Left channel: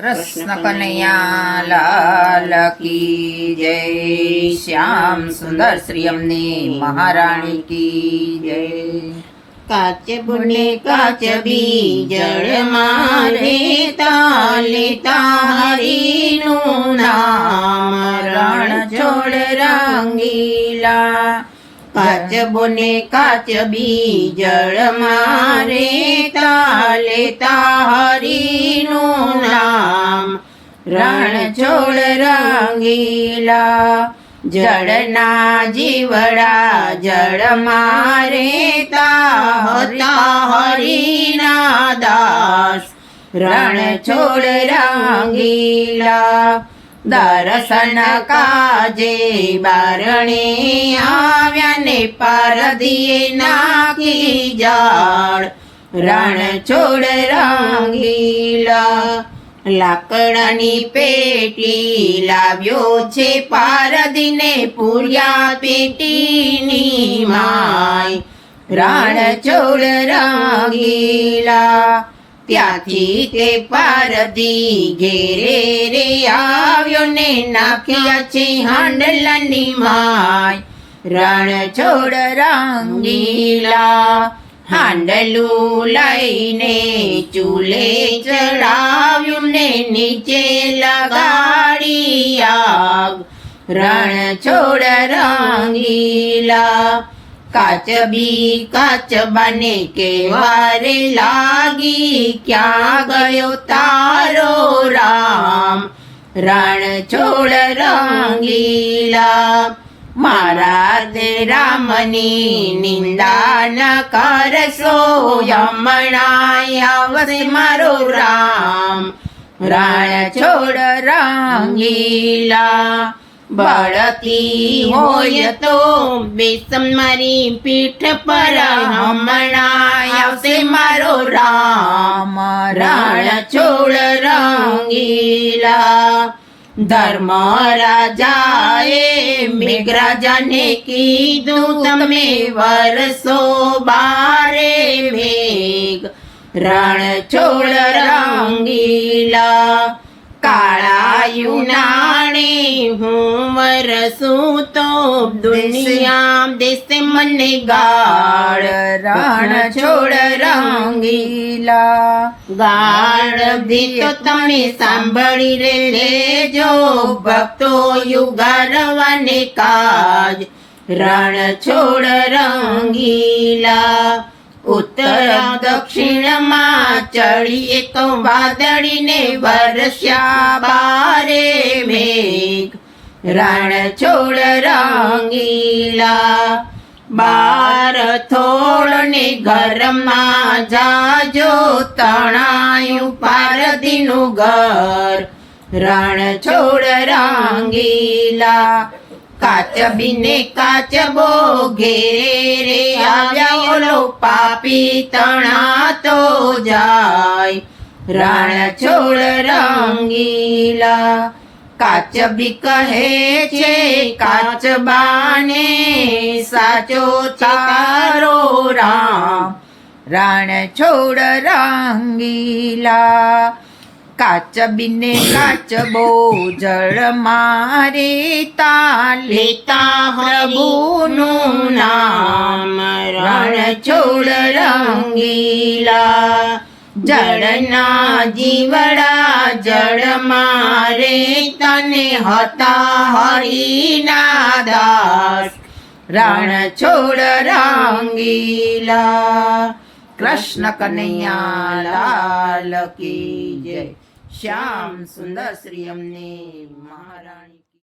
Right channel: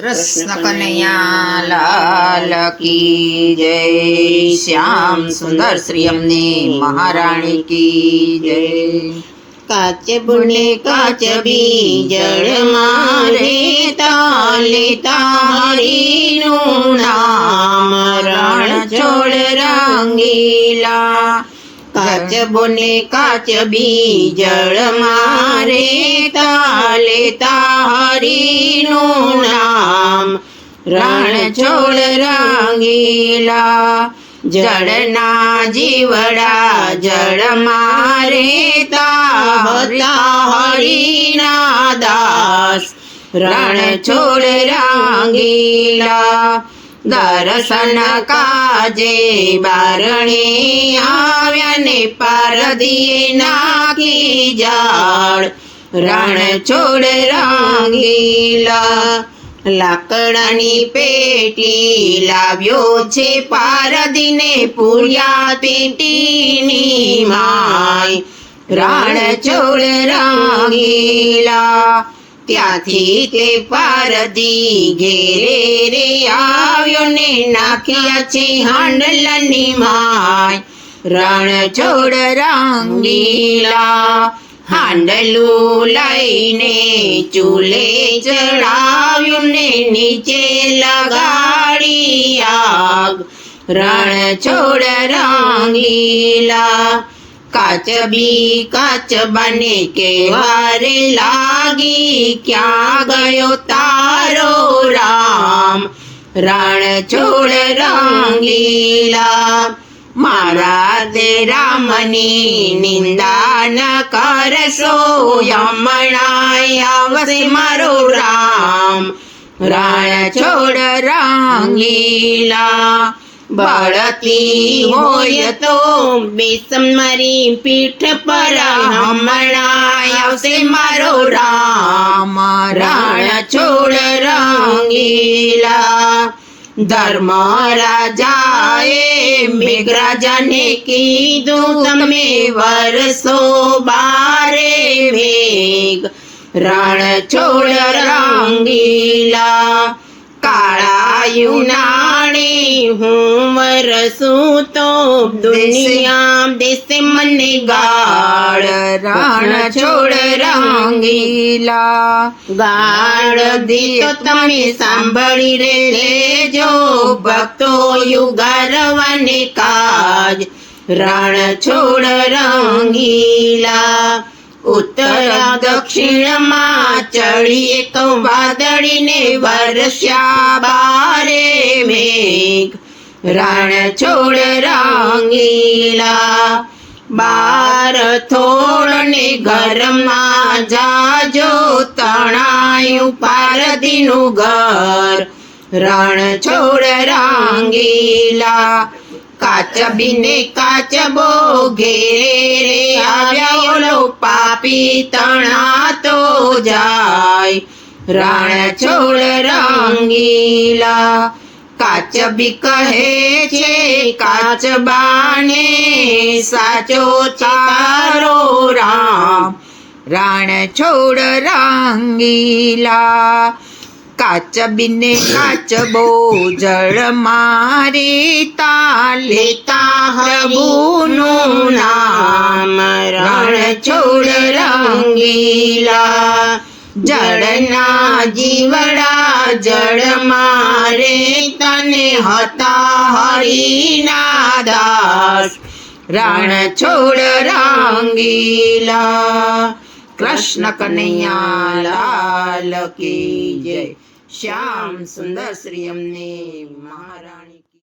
कृष्ण कन्हैया लाल की जय। श्याम सुंदर श्री अम्ने महाराणी की जय। काच बुने काच बीजळ मारे ताले तारीनु नाम रणछोड़ रंगीला। काच बुने काच बीजळ मारे ताले तारीनु नाम रणछोड़ रंगीला। जड़ना जीवड़ा जड़ मारे ताहता हरिना दास रणछोड़ रंगीला। दर्शन काजे बारणे आव्या ने पारदीए नाखी जाड़ रणछोड़ रंगीला। लाकडानी पेटी लाव्यो छे पारदीने पूर्या पेटीनी माय रणछोड़ रंगीला। त्याथी ते पारदी घेरे रे आव्यो ने नाख्या छे हांडलानी माय रणछोड़ रंगीला। हांडलू लईने चूले चढ़ाव्યું ने नीचे लगाड़ी आग रणछोड़ रंगीला। काच बी काच बने के वारे लागी क्या गयो तारो राम रणछोड़ रंगीला। मारा ते रामनी निंदा न करशो यमणाय आवसे मारो राम रणछोड़ रंगीला। बळती होय तो बेसम मारी पीठ पर यमणाय आवसे मारो राम रणछोड़ रंगीला। धर्म राजाए मेघराजा ने कीधुं तमे वरसो बारे मेघ रणछोड़ रंगीला। काळा युनाणे हूँ वरसूं तो दुनिया देसे मने गाळ रणछोड़ रंगीला। गाळ दियो तमे सांभળી रे लेजो भक्तो युगारवाने काज रणछोड़ रंगीला। उत्तर दक्षिण में चढ़िए तो वादड़ी ने वर्षा बारे मेघ रणछोड़ रंगीला। बार थोड़ ने घर में जाजो तणायु पारदीनु घर रणछोड़ रंगीला। काच बीने काच बो घेरे रे आव्या ओलो पापी तणा तो जाय रणछोड़ रंगीला। काच बी कहे छे काच बाने साचो तारो राम रणछोड़ रंगीला। काच बीने काच बो जड़ मारे ताले प्रभुनु नाम रणछोड़ रंगीला। जड़ना जीवड़ा जड़ मारे तने हता हरिना दास रणछोड़ रंगीला। कृष्ण कन्हैया लाल की जय। श्याम सुंदर श्री अम्ने महाराणी।